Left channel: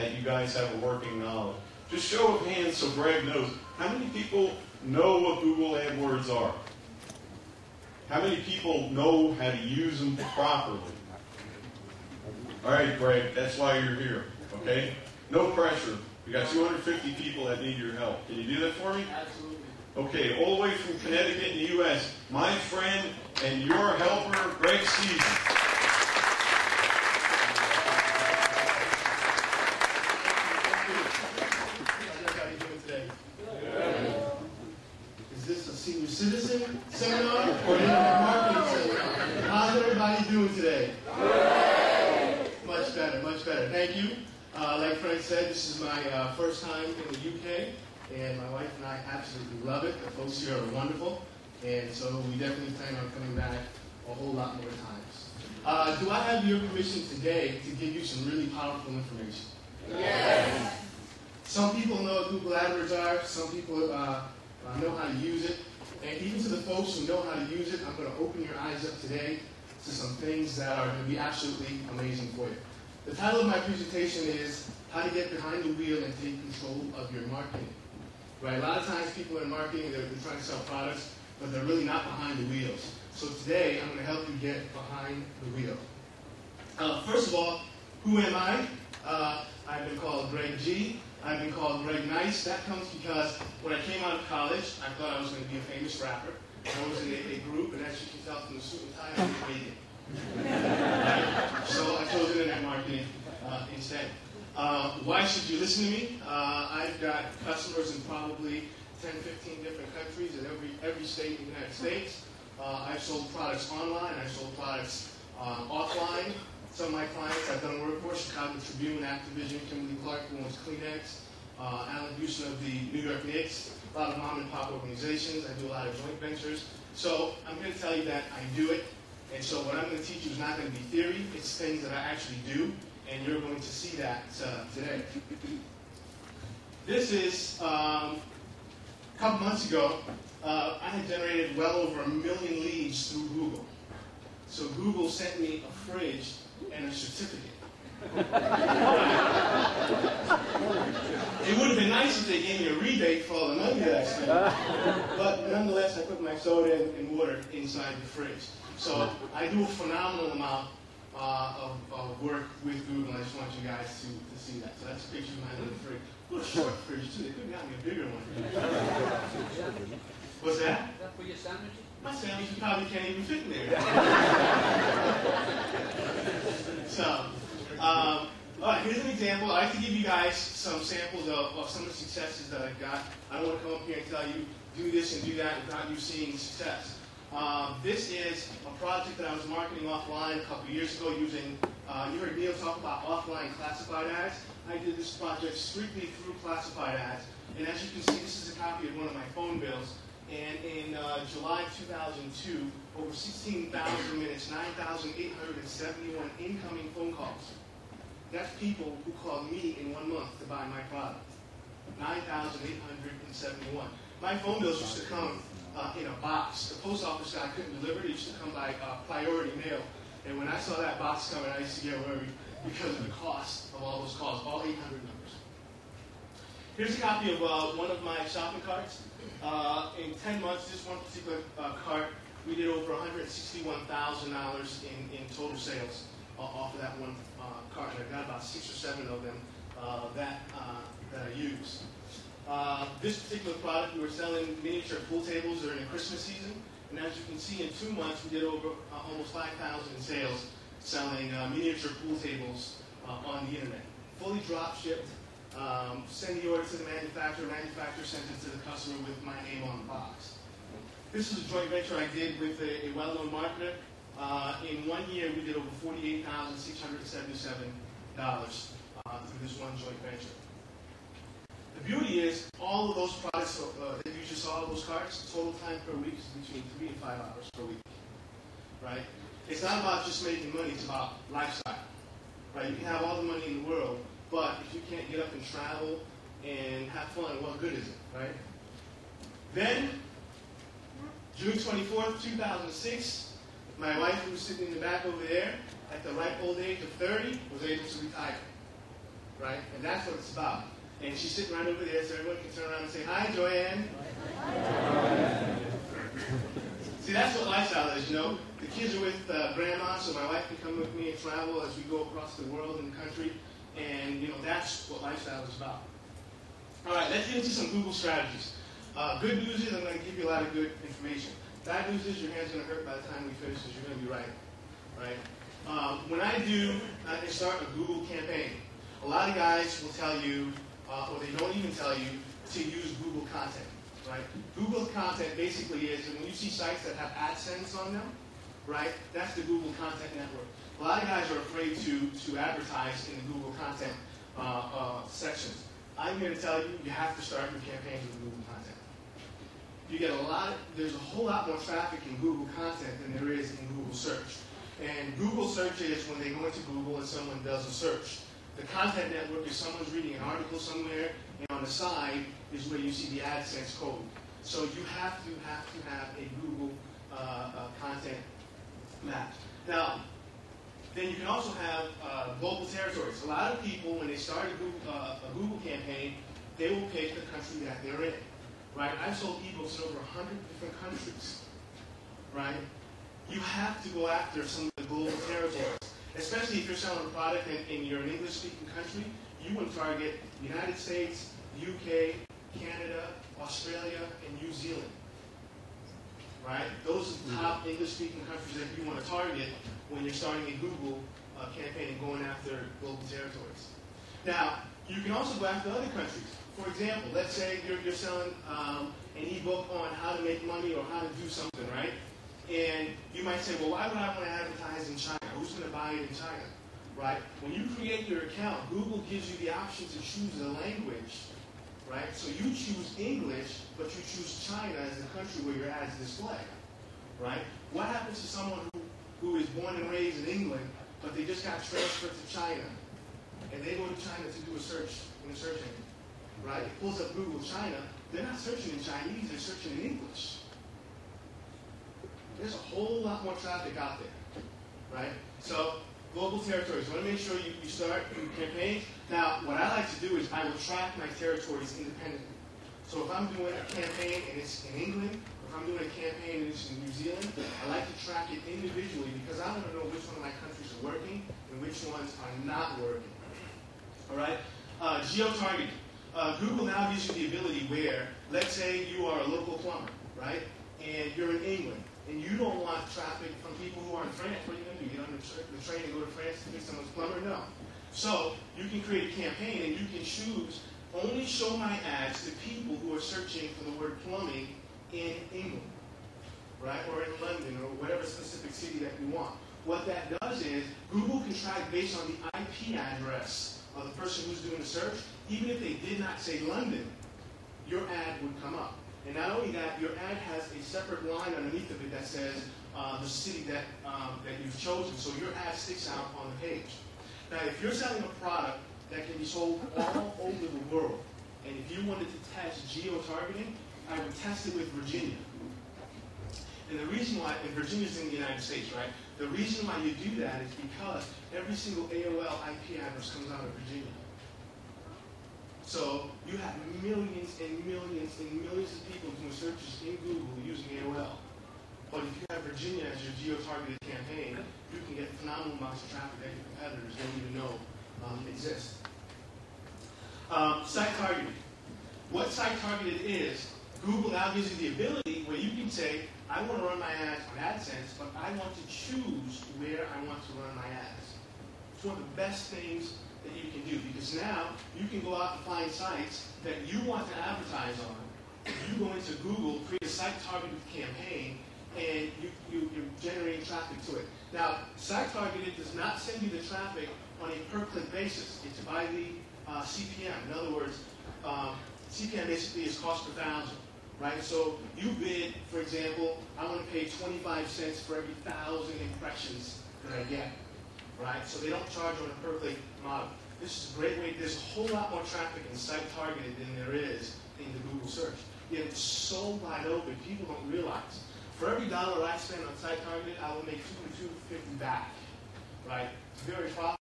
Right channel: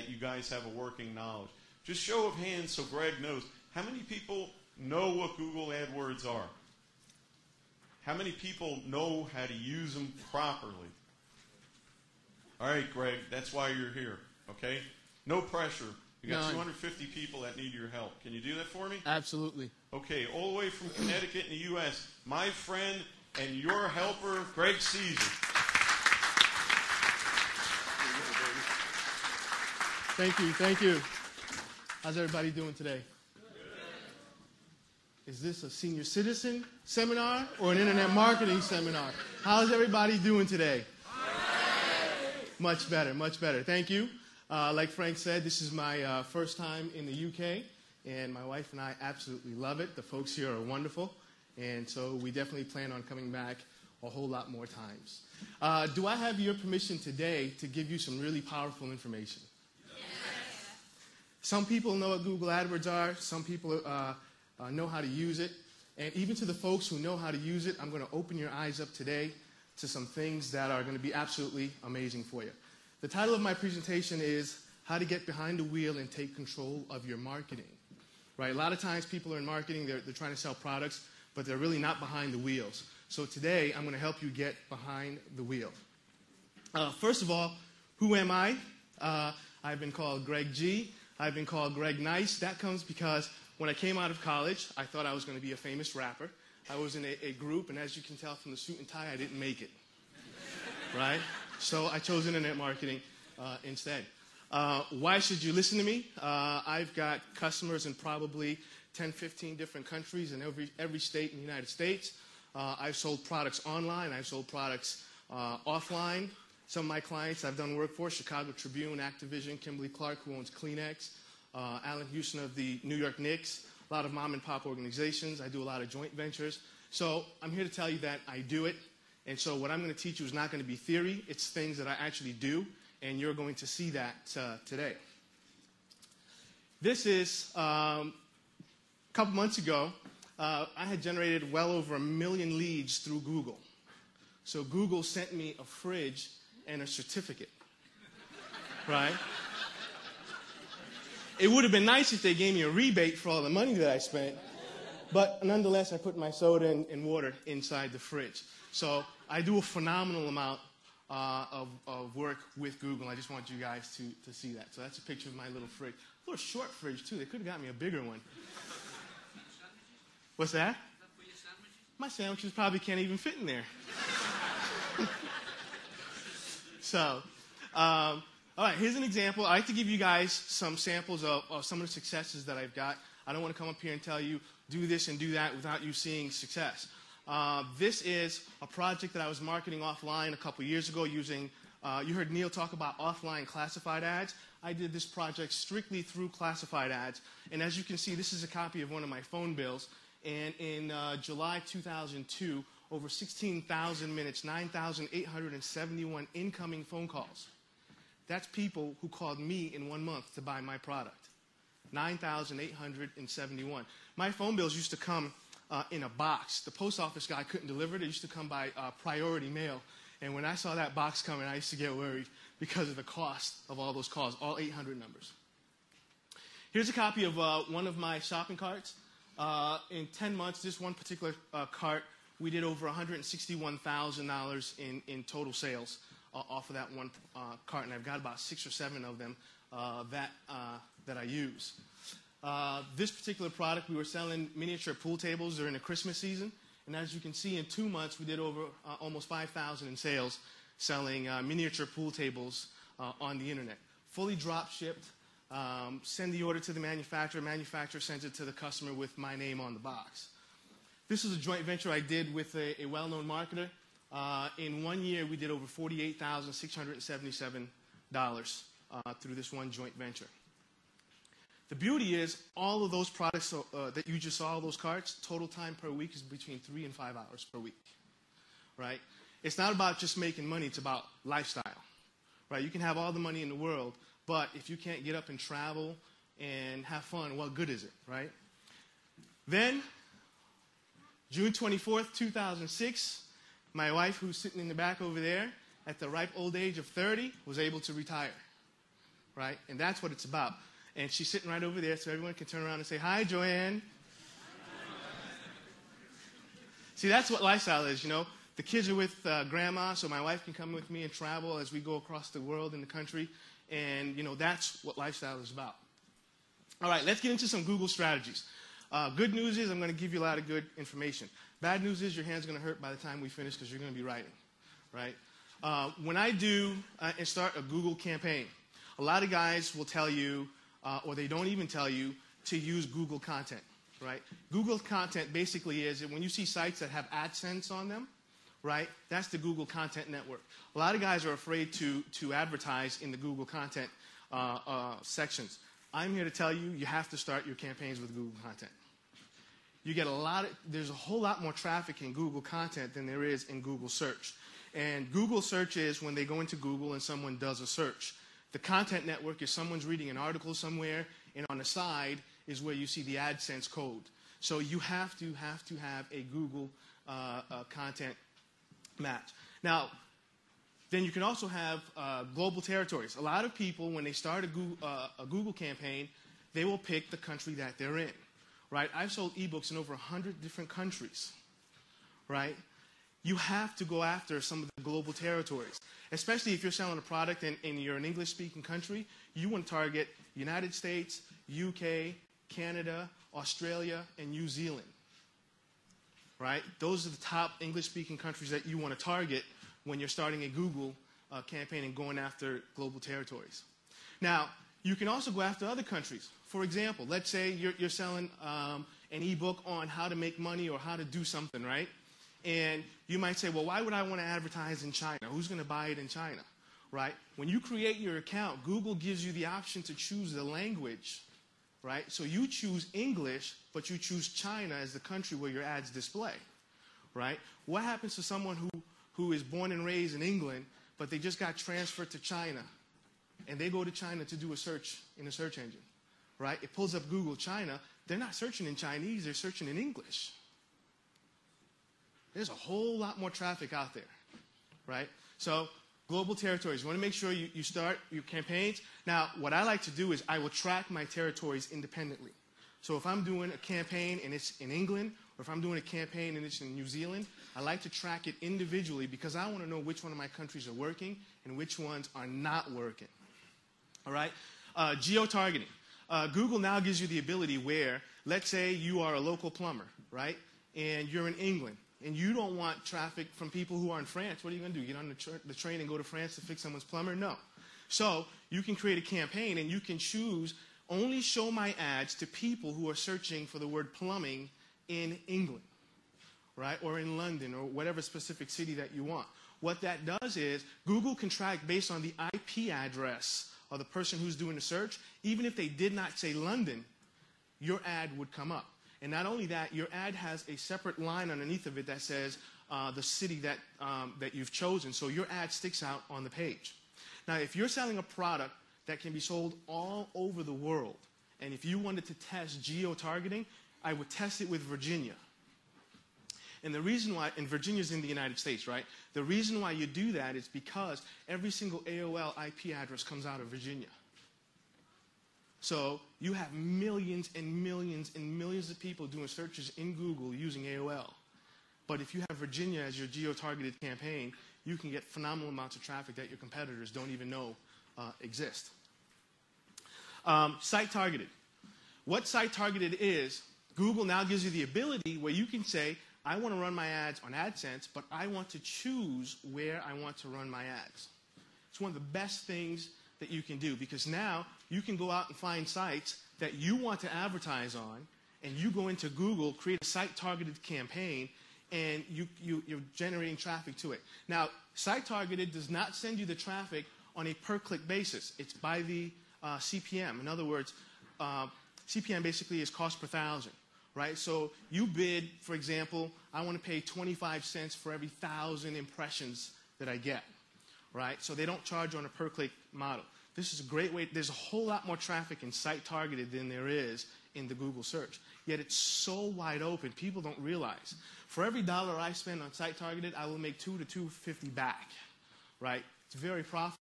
that you guys have a working knowledge. Just show of hands so Greg knows. How many people know what Google AdWords are? How many people know how to use them properly? All right, Greg, that's why you're here, okay? No pressure. We got 250 people that need your help. Can you do that for me? Absolutely. Okay, all the way from Connecticut in the U.S., my friend and your helper, Greg Cesar. Thank you. How's everybody doing today? Is this a senior citizen seminar or an internet marketing seminar? How's everybody doing today? Much better. Thank you. Like Frank said, this is my first time in the UK, and my wife and I absolutely love it. The folks here are wonderful, and so we definitely plan on coming back a whole lot more times. Do I have your permission today to give you some really powerful information? Yes. Some people know what Google AdWords are. Some people know how to use it. And even to the folks who know how to use it, I'm going to open your eyes up today to some things that are going to be absolutely amazing for you. The title of my presentation is How to Get Behind the Wheel and Take Control of Your Marketing. Right? A lot of times people are in marketing, they're trying to sell products, but they're really not behind the wheels. So today, I'm going to help you get behind the wheel. First of all, who am I? I've been called Greg G. I've been called Greg Nice. That comes because when I came out of college, I thought I was going to be a famous rapper. I was in a group, and as you can tell from the suit and tie, I didn't make it. Right? So I chose internet marketing instead. Why should you listen to me? I've got customers in probably 10, 15 different countries in every state in the United States. I've sold products online. I've sold products offline. Some of my clients I've done work for, Chicago Tribune, Activision, Kimberly-Clark, who owns Kleenex, Alan Houston of the New York Knicks, a lot of mom and pop organizations. I do a lot of joint ventures. So I'm here to tell you that I do it. And so what I'm going to teach you is not going to be theory. It's things that I actually do. And you're going to see that today. This is, a couple months ago, I had generated well over 1 million leads through Google. So Google sent me a fridge and a certificate. It would have been nice if they gave me a rebate for all the money that I spent. But nonetheless, I put my soda and water inside the fridge. So I do a phenomenal amount of work with Google. I just want you guys to see that. So that's a picture of my little fridge. A little short fridge, too. They could have got me a bigger one. What's that? Is that for your sandwiches? My sandwiches probably can't even fit in there. So, all right, here's an example. I like to give you guys some samples of some of the successes that I've got. I don't want to come up here and tell you, do this and do that without you seeing success. This is a project that I was marketing offline a couple years ago using, you heard Neil talk about offline classified ads. I did this project strictly through classified ads. And as you can see, this is a copy of one of my phone bills. And in July 2002, over 16,000 minutes, 9,871 incoming phone calls. That's people who called me in 1 month to buy my product. 9,871. My phone bills used to come in a box. The post office guy couldn't deliver it. It used to come by priority mail. And when I saw that box coming, I used to get worried because of the cost of all those calls, all 800 numbers. Here's a copy of one of my shopping carts. In 10 months, this one particular cart, we did over $161,000 in total sales off of that one cart. I've got about 6 or 7 of them that I use. This particular product, we were selling miniature pool tables during the Christmas season. And as you can see, in 2 months, we did over almost 5,000 in sales selling miniature pool tables on the internet. Fully drop shipped. Send the order to the manufacturer. Manufacturer sends it to the customer with my name on the box. This is a joint venture I did with a well-known marketer. In 1 year, we did over $48,677 through this one joint venture. The beauty is, all of those products that you just saw, those carts, total time per week is between 3 and 5 hours per week. Right? It's not about just making money, it's about lifestyle. Right? You can have all the money in the world, but if you can't get up and travel and have fun, what good is it, right? Then, June 24th, 2006, my wife, who's sitting in the back over there, at the ripe old age of 30, was able to retire. right? And that's what it's about. And she's sitting right over there, so everyone can turn around and say, "Hi, Joanne." See, that's what lifestyle is, you know. The kids are with grandma, so my wife can come with me and travel as we go across the world and the country. And, you know, that's what lifestyle is about. All right, let's get into some Google strategies. Good news is I'm going to give you a lot of good information. Bad news is your hand's going to hurt by the time we finish because you're going to be writing, right? When I do start a Google campaign, a lot of guys will tell you, or they don't even tell you, to use Google content, right? Google content basically is, and when you see sites that have AdSense on them, right, that's the Google Content Network. A lot of guys are afraid to advertise in the Google content sections. I'm here to tell you, you have to start your campaigns with Google content. You get there's a whole lot more traffic in Google content than there is in Google search. And Google search is when they go into Google and someone does a search. The content network is someone's reading an article somewhere, and on the side is where you see the AdSense code. So you have to have a Google content match. Now, then you can also have global territories. A lot of people, when they start a Google campaign, they will pick the country that they're in, right? I've sold ebooks in over 100 different countries, right? You have to go after some of the global territories, especially if you're selling a product and you're an English-speaking country. You want to target the United States, UK, Canada, Australia, and New Zealand, right? Those are the top English-speaking countries that you want to target when you're starting a Google campaign and going after global territories. Now, you can also go after other countries. For example, let's say you're selling an ebook on how to make money or how to do something, right? And you might say, well, why would I want to advertise in China? Who's going to buy it in China, right? When you create your account, Google gives you the option to choose the language, right? So you choose English, but you choose China as the country where your ads display, right? What happens to someone who is born and raised in England, but they just got transferred to China, and they go to China to do a search in the search engine, right? It pulls up Google China. They're not searching in Chinese, they're searching in English. There's a whole lot more traffic out there, right? So, global territories. You want to make sure you start your campaign. Now, what I like to do is I will track my territories independently. So if I'm doing a campaign and it's in England, or if I'm doing a campaign and it's in New Zealand, I like to track it individually because I want to know which one of my countries are working and which ones are not working. All right? Geo-targeting. Google now gives you the ability where, let's say you are a local plumber, right? And you're in England. And you don't want traffic from people who are in France. What are you going to do? Get on the train and go to France to fix someone's plumber? No. So you can create a campaign and you can choose only show my ads to people who are searching for the word plumbing in England, right? Or in London or whatever specific city that you want. What that does is Google can track based on the IP address of the person who's doing the search. Even if they did not say London, your ad would come up. And not only that, your ad has a separate line underneath of it that says the city that you've chosen. So your ad sticks out on the page. Now, if you're selling a product that can be sold all over the world, and if you wanted to test geo-targeting, I would test it with Virginia. And the reason why, and Virginia's in the United States, right? The reason why you do that is because every single AOL IP address comes out of Virginia. So you have millions and millions and millions of people doing searches in Google using AOL. But if you have Virginia as your geo-targeted campaign, you can get phenomenal amounts of traffic that your competitors don't even know exist. Site targeting. What site targeted is, Google now gives you the ability where you can say, I want to run my ads on AdSense, but I want to choose where I want to run my ads. It's one of the best things that you can do, because now you can go out and find sites that you want to advertise on, and you go into Google, create a site-targeted campaign, and you're generating traffic to it. Now, site-targeted does not send you the traffic on a per-click basis. It's by the CPM. In other words, CPM basically is cost per thousand, right? So you bid, for example, I want to pay 25 cents for every 1,000 impressions that I get. Right? So they don't charge on a per-click model. This is a great way. There's a whole lot more traffic in site-targeted than there is in the Google search. Yet it's so wide open, people don't realize. For every dollar I spend on site-targeted, I will make $2 to $2.50 back. Right? It's very profitable.